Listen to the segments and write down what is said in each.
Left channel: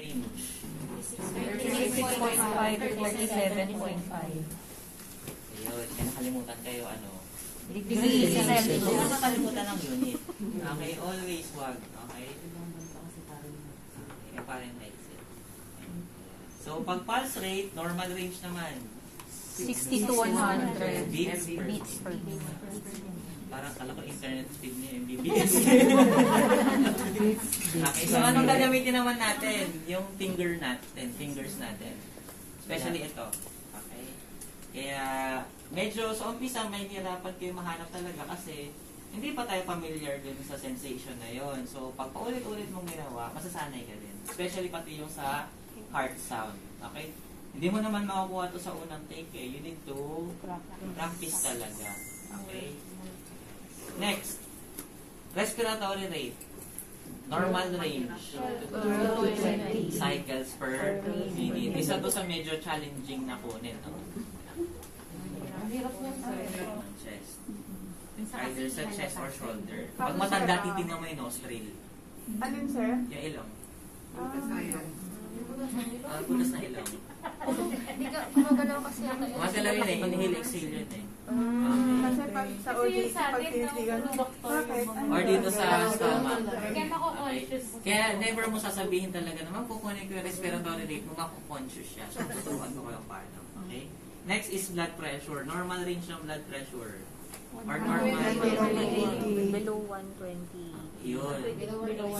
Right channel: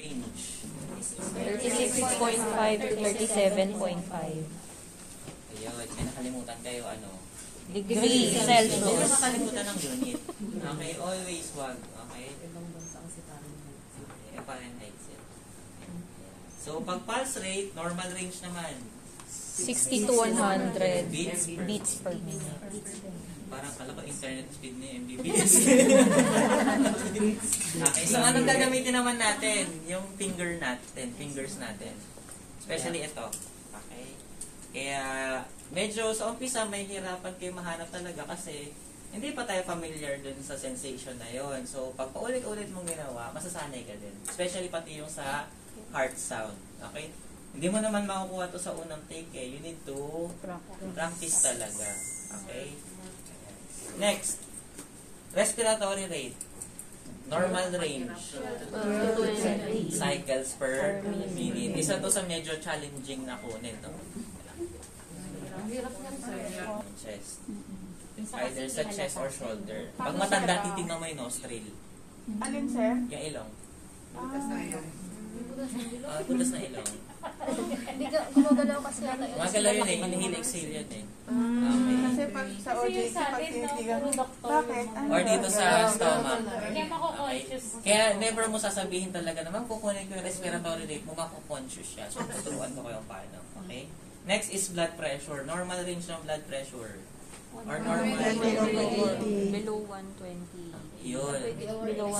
Range. 36.5 to 47.5. Ayun, may nakalimutan kayo Degree Huwag Celsius. nakalimutan ng unit. Okay, always wag. Okay? Fahrenheit. So, pag pulse rate, normal range naman. 60 to 100 beats per minute. Parang kala ko internet speed ni Mbps. Okay, so anong gagamitin naman natin? Yung fingers natin. Especially ito. Okay? Kaya, medyo sa umpisa may hirapan kayo mahanap talaga kasi hindi pa tayo familiar dun sa sensation na yon. So, pag paulit-ulit mong ginawa, masasanay ka din. Especially pati yung sa heart sound. Okay? Hindi mo naman makukuha to sa unang take eh. You need to practice talaga. Okay? Next, respiratory rate. Normal range. Cycles per minute. Isa to sa medyo challenging na kunin. No? Chest. Either sa chest or shoulder. Pag matanda, titignan mo yung nostril. Alin, sir? Yung ilong. Putas na ilong. Gumagalaw kasi ako. Magalaw yun eh. Inhale, exhale yun eh. Kasi pag sa OJT, pag tinitigan, bakit? Or dito sa stomach. Okay. Kaya never mo sasabihin talaga naman kukunin ko yung respiratory rate mo, makukonsyos siya. So, tuturuan ko kayo paano. Okay? Next is blood pressure. Normal range ng blood pressure. Or normal Below 120. yun.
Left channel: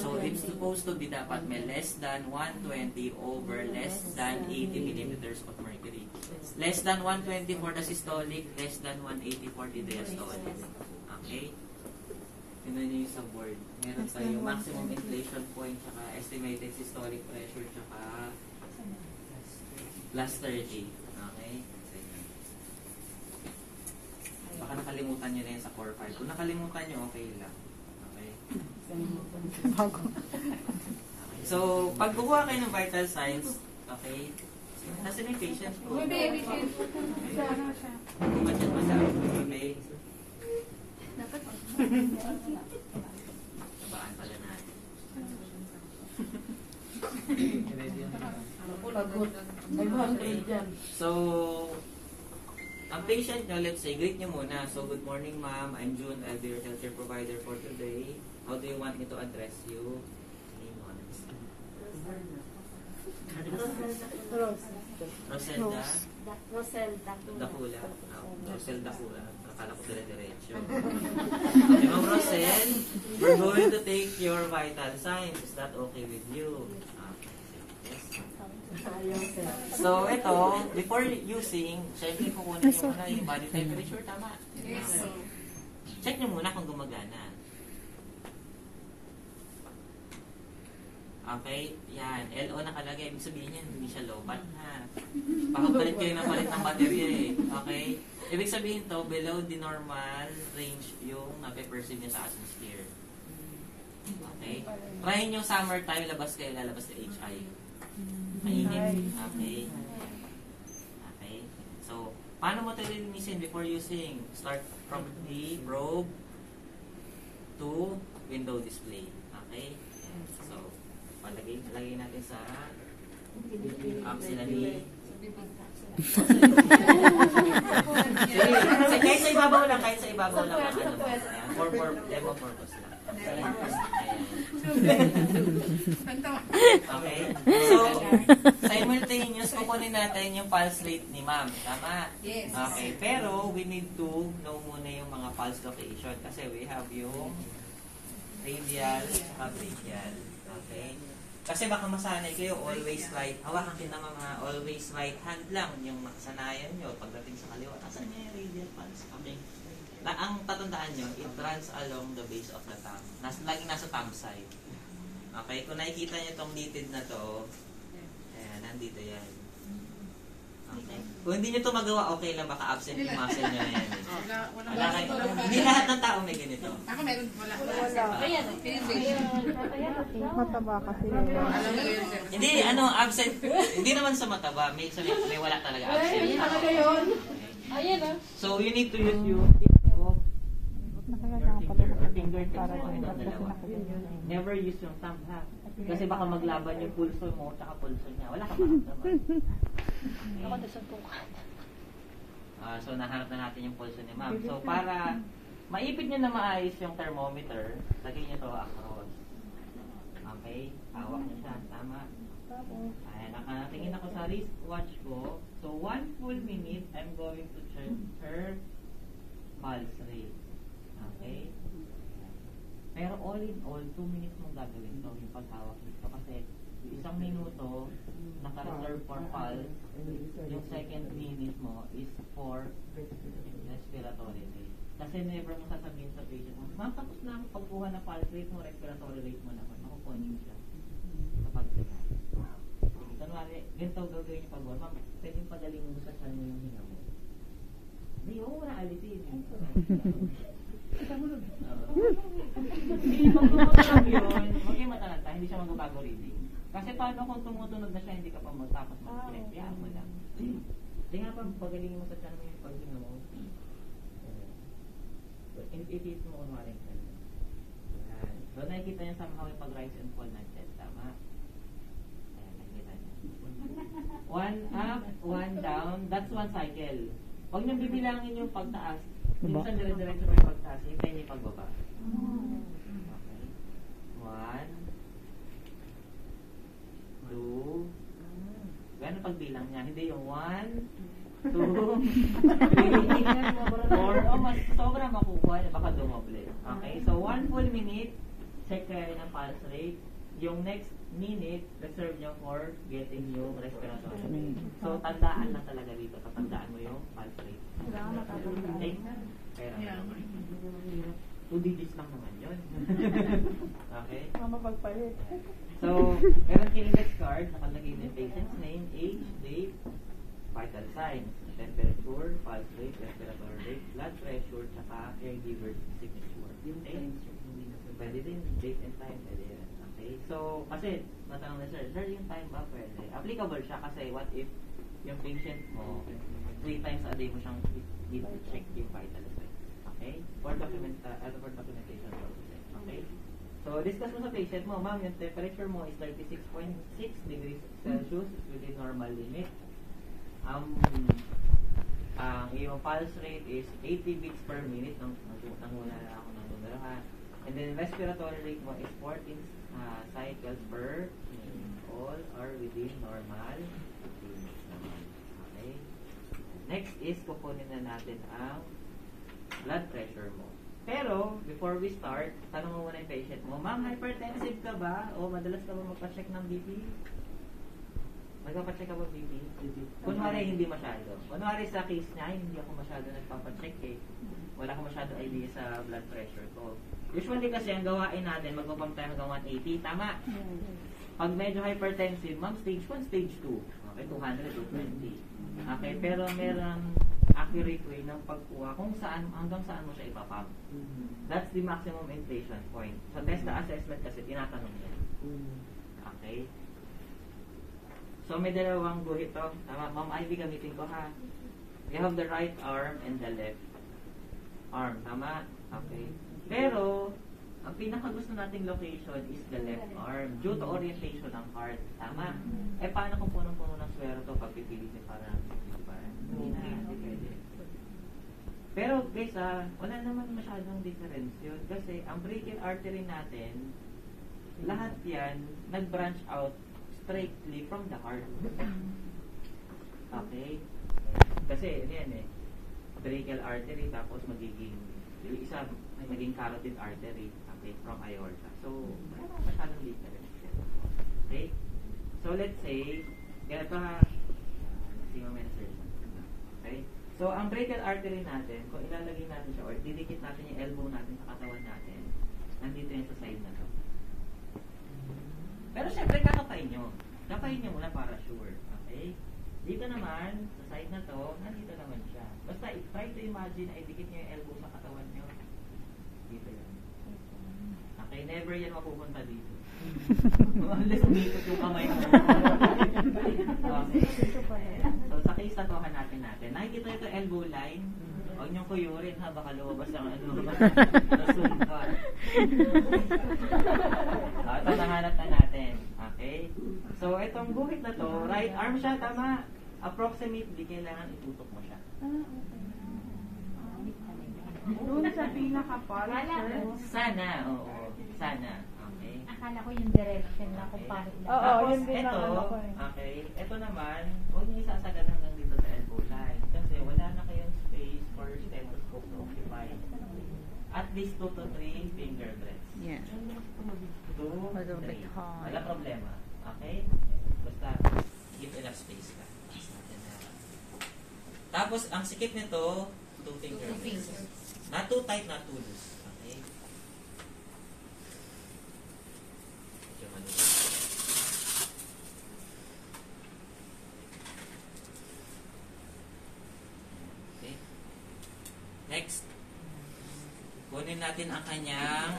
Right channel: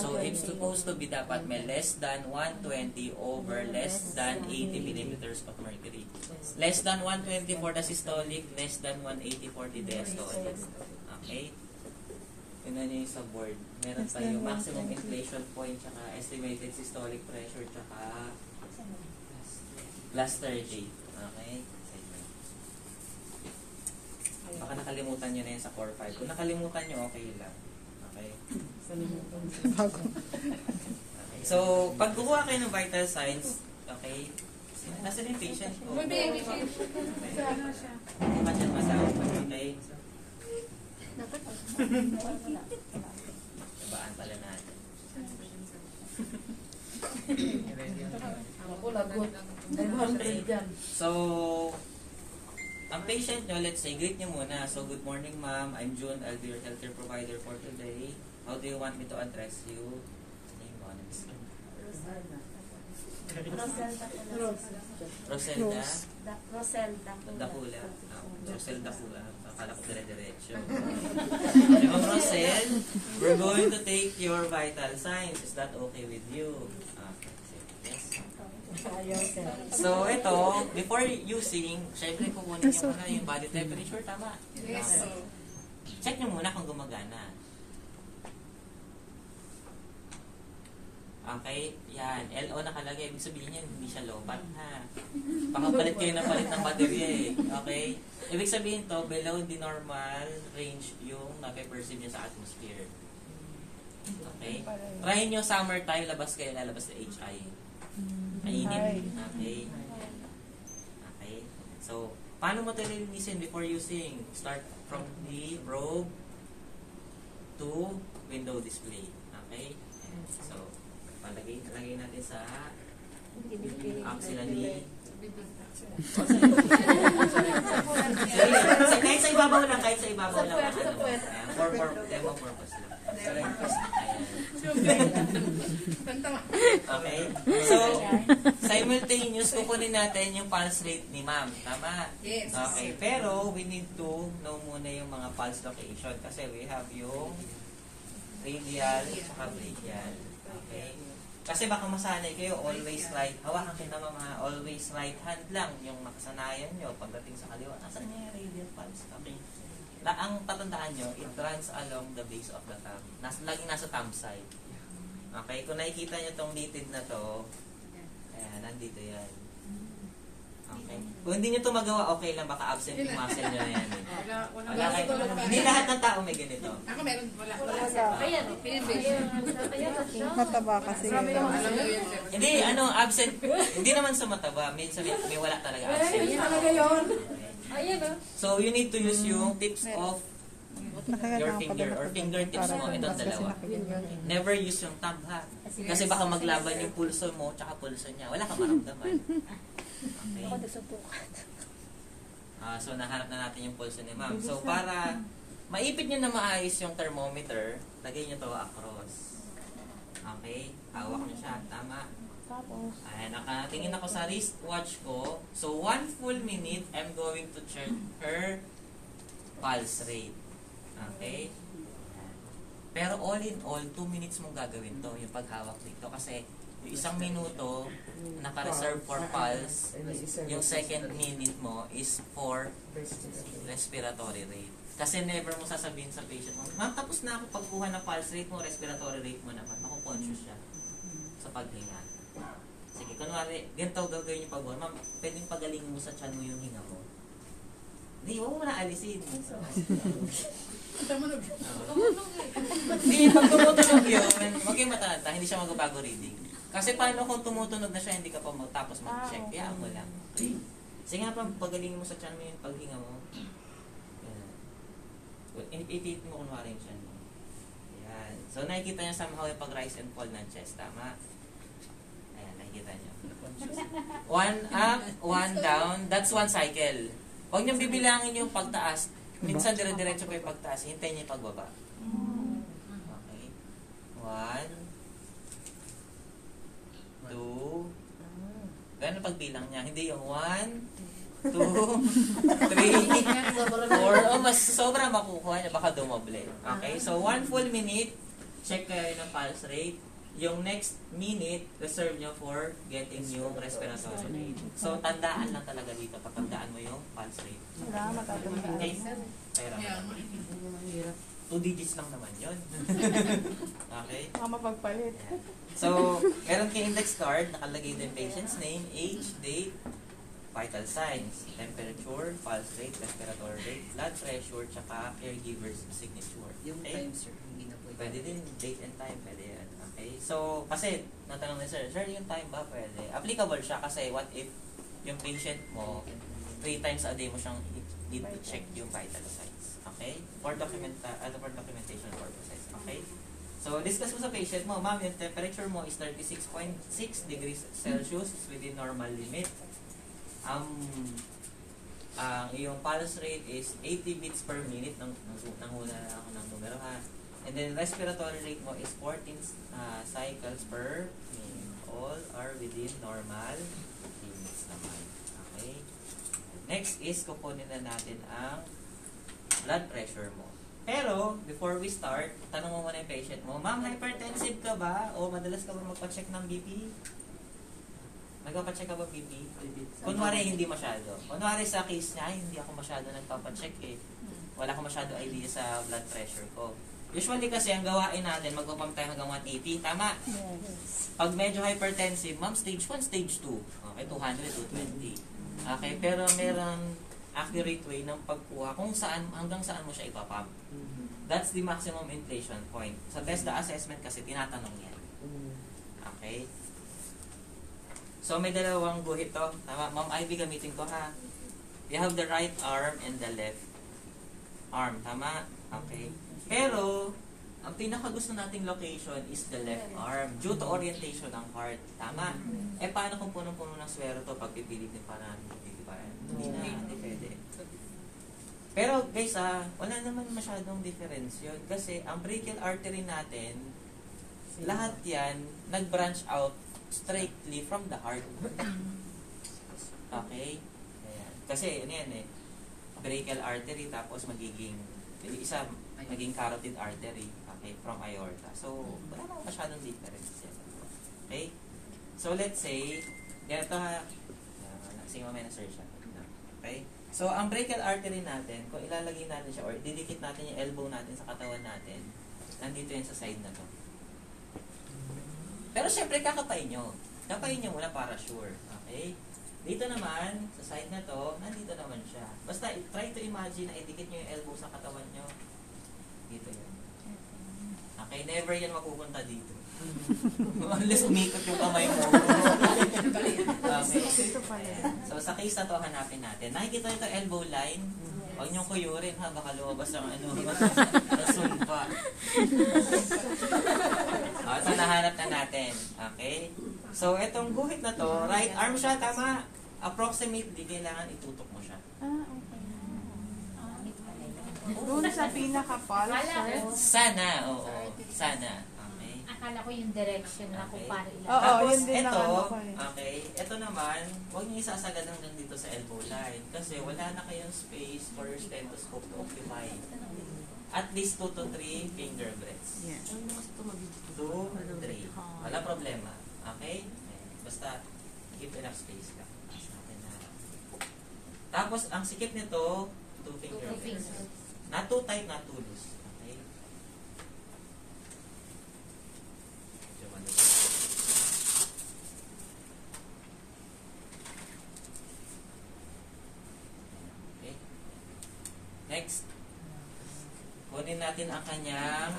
So, it's supposed to be dapat may less than 120 over less than 80 millimeters of mercury. Less than 120 for the systolic, less than 180 for the diastolic. Okay? Yun na yung sa board. Meron tayo maximum inflation point, tsaka estimated systolic pressure, tsaka last 30. Okay? Baka nakalimutan nyo na yan sa core 5. Kung nakalimutan nyo, okay lang. Okay? Bago. Okay. So, pag kukuha kayo ng vital signs, okay, nasa yung patient ko? Okay. Imagine masaw. Okay. Babaan pala natin. So, ang patient nyo, let's say, greet nyo muna. So, good morning ma'am, I'm June, I'll be your healthcare provider for today. How do you want me to address you? Name on. Roselda? Roselda. Dakula. Roselda Dakula. Akala ko dire-diretso. Okay, Ma'am Rosel, we're going to take your vital signs. Is that okay with you? So, ito, before using, syempre kukunin nyo muna yung body temperature, tama? Yes. Check nyo muna kung gumagana. Okay? Yan. LO nakalagay. Ibig sabihin yan, hindi siya lobat, ha? Pakapalit kayo ng palit ng baterya eh. Okay? Ibig sabihin to, below the normal range yung mape-perceive niya sa atmosphere. Okay? Try nyo summertime, labas kayo, lalabas ka HI. Mainit. Okay? Okay? So, paano mo ito lilinisin before using? Start from the probe to window display. Okay? So, lagay natin sa auxiliary. Kahit sa ibabaw lang. For demo purpose lang. Okay? So, simultaneous, kukunin natin yung pulse rate ni ma'am. Tama? Yes. Okay. Pero, we need to know muna yung mga pulse location kasi we have yung radial at brachial. Okay? Kasi baka masanay kayo, always right. Hawakan kayo naman mga always right hand lang yung makasanayan nyo pagdating sa kaliwa. Asan niya yung radial pulse? Okay. Ang patandaan nyo, it runs along the base of the thumb. Laging nasa thumb side. Okay? Kung nakikita nyo itong litid na to, ayan, nandito yan. Okay? Kung hindi nyo ito magawa, okay lang, baka absent yung muscle nyo na yan. Wala kayo. Hindi lahat ng tao may ganito. Ako meron, wala. Ayan. Mataba kasi yun. Hindi, absent. Hindi naman sa mataba. May wala talaga absent. Ayan o. So, you need to use yung tips of your Nakakailangan finger pala or fingertips mo. para Itong kasi dalawa. nakikita. Never use yung thumb, ha? Kasi baka maglaban yung pulso mo tsaka pulso niya. Wala kang maramdaman. Ako Okay. nasubukan. So, nahanap na natin yung pulso ni ma'am. So, para maipit nyo na maayos yung thermometer, lagay nyo to across. Okay? Hawak nyo siya. Tama. Ayan, nakatingin ako sa wristwatch ko. So, 1 full minute, I'm going to check her pulse rate. Okay? Pero all in all, 2 minutes mong gagawin to, yung paghawak dito. Kasi yung 1 minuto, naka-reserve for pulse. Yung second minute mo is for respiratory rate. Kasi never mo sasabihin sa patient mo, ma'am, tapos na ako pagkuha ng pulse rate mo, respiratory rate mo naman. Makukonsyos siya sa paghinga. Sige, kunwari, ganito gagawin yung pag-buwan. Ma'am, pwedeng pagalingin mo sa tiyan mo yung hinga mo. Hindi, huwag mo na alisin. Hindi, pag tumutunog yun, huwag kayong matalanta, hindi siya magbabago reading. Kasi paano kung tumutunog na siya, hindi ka pa tapos mag-check. Kaya mo lang. Okay? Sige nga pa, pagalingin mo sa tiyan mo yung paghinga mo. I-take mo kunwari yung tiyan mo. Yan. So, nakikita niyo somehow yung pag-rise and fall ng chest. Tama? Ayan, nakikita niyo. 1 up, 1 down. That's 1 cycle. Huwag niyong bibilangin yung pagtaas. Minsan dire-diretso pa yung pagtaas. Hintayin niyo yung pagbaba. Okay. 1, 2. Gano'n pagbilang niya? Hindi yung 1, 2, 3, 4. Mas sobra makukuha niya. Baka dumoble. Okay? So, 1 full minute, check kayo ng pulse rate. Yung next minute, reserve nyo for getting yung respiratory rate. So, tandaan lang talaga dito. Patandaan mo yung pulse rate. Okay? Pero, 2 digits lang naman yun. Okay? Mapagpalit. So, meron kayo index card, nakalagay din patient's name, age, date, vital signs, temperature, pulse rate, respiratory rate, blood pressure, tsaka caregiver's signature. Yung Okay? time, sir, hindi na pwede. Pwede din, date and time, pwede yan. Okay? So, kasi, natanong ni sir, yung time ba pwede? Applicable siya kasi what if yung patient mo, 3 times a day mo siyang need to check yung vital signs. Okay? For documentation purposes. Okay? So, discuss mo sa patient mo, ma'am, yung temperature mo is 36.6 degrees Celsius, is within normal limit. Yung pulse rate is 80 beats per minute. Nanguna na ako ng numero ha. And then respiratory rate mo is 14 cycles per minute. All are within normal limits naman. Okay? Next is kukunin na natin ang blood pressure mo. Pero, before we start, tanong mo muna yung patient mo, ma'am, hypertensive ka ba? O madalas ka ba magpa-check ng BP? Nagpapacheck ka ba BP? Kunwari, hindi masyado. Kunwari sa case niya, hindi ako masyado nagpapacheck eh. Wala ka masyado idea sa blood pressure ko. Usually kasi, ang gawain natin, magpapam tayo hanggang 180. Tama? Pag medyo hypertensive, ma'am, stage 1, stage 2. Okay, 200, 220. Okay, pero meron accurate way ng pagkuha kung saan, hanggang saan mo siya ipapump. That's the maximum inflation point. Sa test the assessment kasi, tinatanong yan. Okay? So, may dalawang guhit to. Tama, Ma'am Ivy, gamitin ko ha. You have the right arm and the left arm. Tama? Okay. Pero, ang pinakagusto nating location is the left arm due to orientation ng heart. Tama? Eh, paano kung punong-puno ng swero to pag pipilitin para hindi na, hindi pwede. Pero guys, wala naman masyadong difference yun. Kasi ang brachial artery natin, lahat yan, nag-branch out straightly from the heart. Okay? Kasi yan eh, brachial artery tapos magiging, yung isa, maging carotid artery, okay, from aorta. So, wala naman masyadong difference. Okay? So, let's say, ganito ha, kasi mamaya na search natin. Okay? So, ang brachial artery natin, kung ilalagay natin siya or didikit natin yung elbow natin sa katawan natin, nandito yan sa side na to. Pero syempre, kakapain nyo. Kapain nyo muna para sure. Okay? Dito naman, sa side na to, nandito naman siya. Basta, try to imagine na idikit nyo yung elbow sa katawan nyo. Dito yan. Okay? Never yan mapupunta dito. Unless umikot yung kamay mo. Okay. So, sa case na to, hanapin natin. Nakikita nyo ito elbow line. Huwag niyong kuyurin ha, baka lumabas ang ano, nasumpa. Ito nahanap na natin. Okay? So, itong guhit na to, right arm siya, tama? Approximately, kailangan itutok mo siya. Doon sa pinaka-pulse, sir. Sana, oo. Sana. Okay? Akala ko yung direction na kung Okay. paano ilan. Oo, Tapos, yun din ang ito, ano ko eh. okay, ito naman, huwag niyo isasagad hanggang dito sa elbow line kasi wala na kayong space for your stethoscope to occupy. At least 2 to 3 finger breaths. Yeah. 2, 3. Wala problema. Okay? Basta, keep enough space ka. Tapos, ang sikip nito, 2 finger breaths. Not too tight, not too loose. Okay? Medyo maliit. Okay. Next. Kunin natin ang kanyang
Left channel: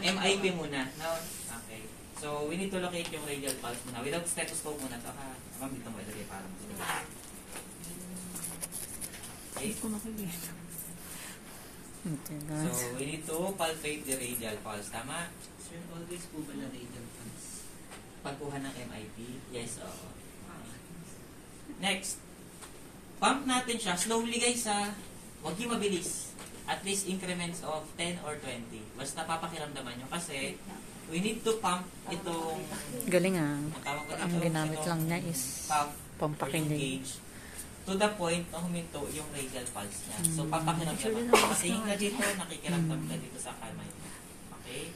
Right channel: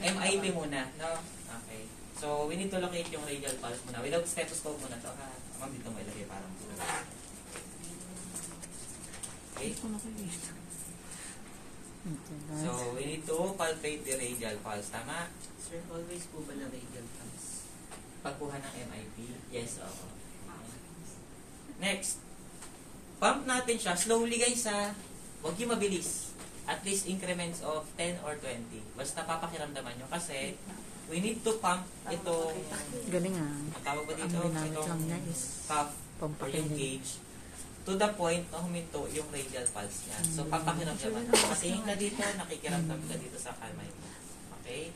MIP muna. No? Okay. So, we need to locate yung radial pulse muna. Without stethoscope muna to. Ha? Ma'am, dito mo ilagay para mas okay. So, we need to palpate the radial pulse. Tama? Sir, always po ba na radial pulse? Pagkuha ng MIP? Yes, oo. Next. Pump natin siya. Slowly guys ha. Huwag yung mabilis. At least increments of 10 or 20. Basta papakiramdaman nyo. Kasi, we need to pump itong... Galing ah. Ang tawag ko dito, Ang ginamit itong lang na is cuff or yung pampakilig. gauge to the point na huminto yung radial pulse niya. So, papakiramdaman. Kasi yung na dito, nakikiramdam ka dito sa kamay mo. Okay?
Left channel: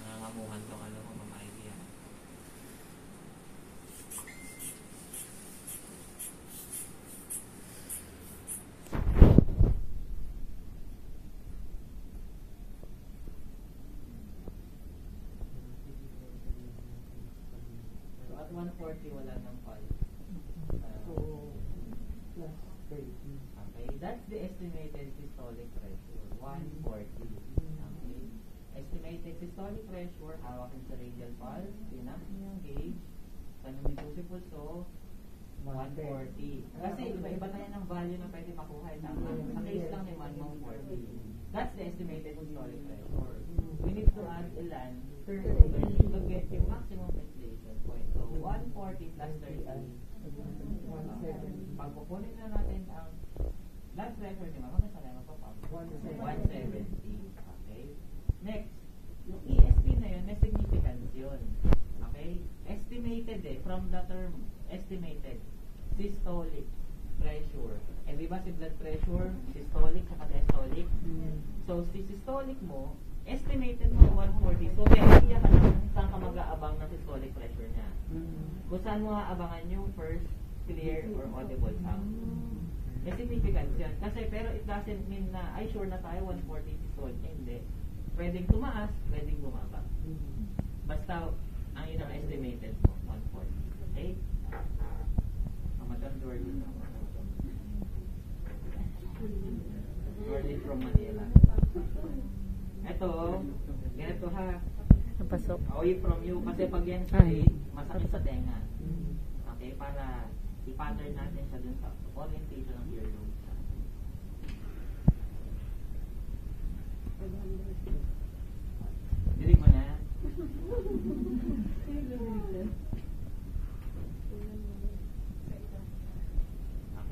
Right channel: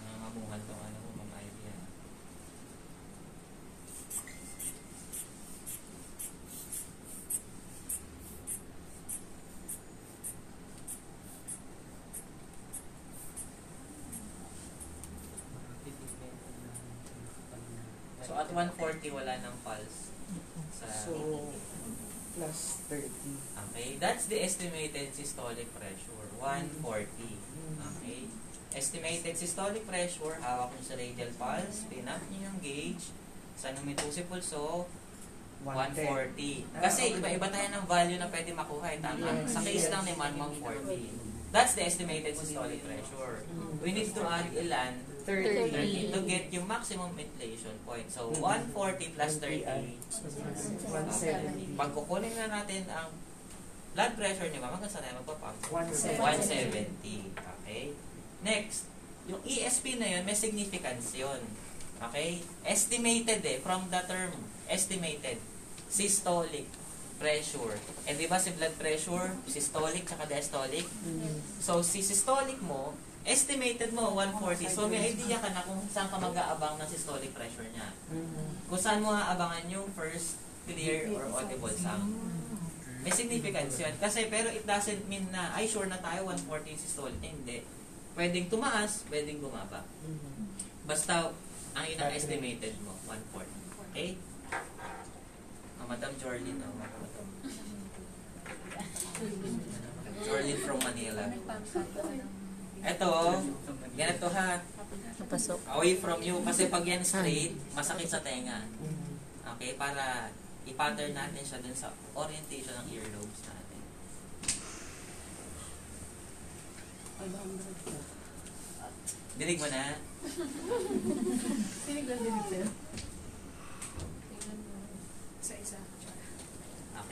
Nangangamuhan tong ano ko, Ma'am Ivy. So, at 140, wala ng pulse. So, plus 30. Okay, that's the estimated systolic pressure, 140. Okay, estimated systolic pressure, hawak mo sa radial pulse, pinap niyo yung gauge, sa huminto si pulso, 140. Kasi iba-iba tayo ng value na pwede makuha, tama? Sa case lang ni Man, 140. That's the estimated systolic pressure. We need to add ilan? 30 to get yung maximum inflation point. So, 140 plus 30. 170. Pag kukunin na natin ang blood pressure ni Mama, hanggang saan tayo magpapag? 170. Okay? Next, yung ESP na yun, may significance yun. Okay? Estimated from the term, estimated. Systolic pressure. And di ba si blood pressure, systolic tsaka diastolic? So, si systolic mo, estimated mo 140. So, may idea ka na kung saan ka mag-aabang ng systolic pressure niya. Kung saan mo aabangan yung first clear or audible sound. May significance yun. Kasi, pero it doesn't mean na, ay sure na tayo 140 systolic. Hindi. Pwedeng tumaas, pwedeng bumaba. Basta, ang ina-estimated mo, 140. Okay? Madam Jorlyn, no? Jorlyn from Manila. Eto, ganito ha. Napasok. Away from you. Kasi pag yan straight, masakit sa tenga. Okay, para i-pattern natin siya dun sa orientation ng earlobes natin. Dinig mo na.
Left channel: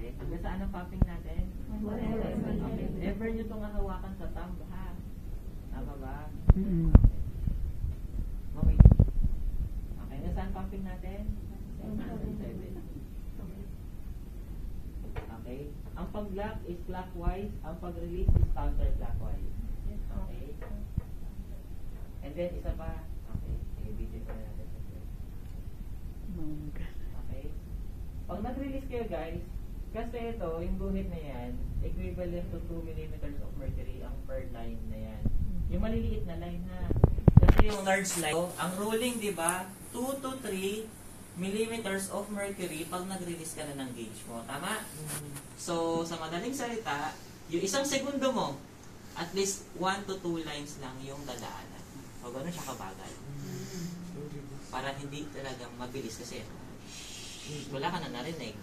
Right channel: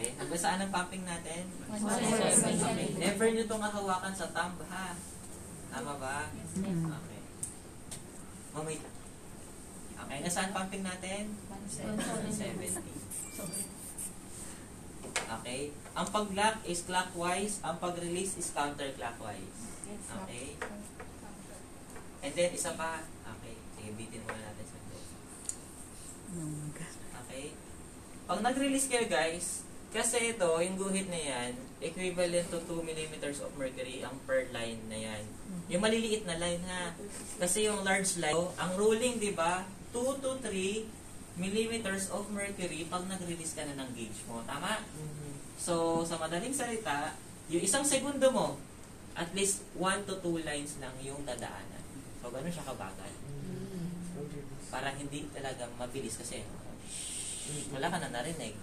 Okay, hanggang saan ang pumping natin? 170. Okay, never nyo itong hawakan sa thumb ha. Tama ba? Mm. Okay. Mamay. Okay, nasaan pumping natin? 170. Okay. Ang pag-lock is clockwise, ang pag-release is counterclockwise. Okay. And then, isa pa. Okay. Sige, bitin muna natin sa close. Okay. Pag nag-release kayo guys, kasi ito, yung guhit na yan, equivalent to 2 mm of mercury ang per line na yan. Yung maliliit na line ha. Kasi yung large line, ang ruling, di ba, 2 to 3 millimeters of mercury pag nag-release ka na ng gauge mo. Tama? So, sa madaling salita, yung isang segundo mo, at least 1 to 2 lines lang yung dadaanan. So, ganun siya kabagal. Para hindi talaga mabilis kasi wala ka na narinig.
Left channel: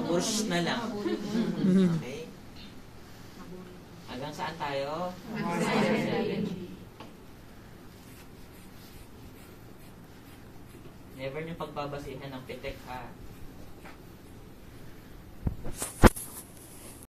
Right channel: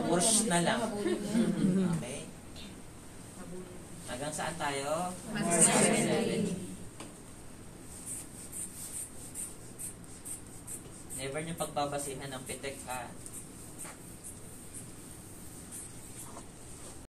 Abursh na lang. Okay? Hanggang saan tayo? Never niyong pagbabasihan ng pitik, ha?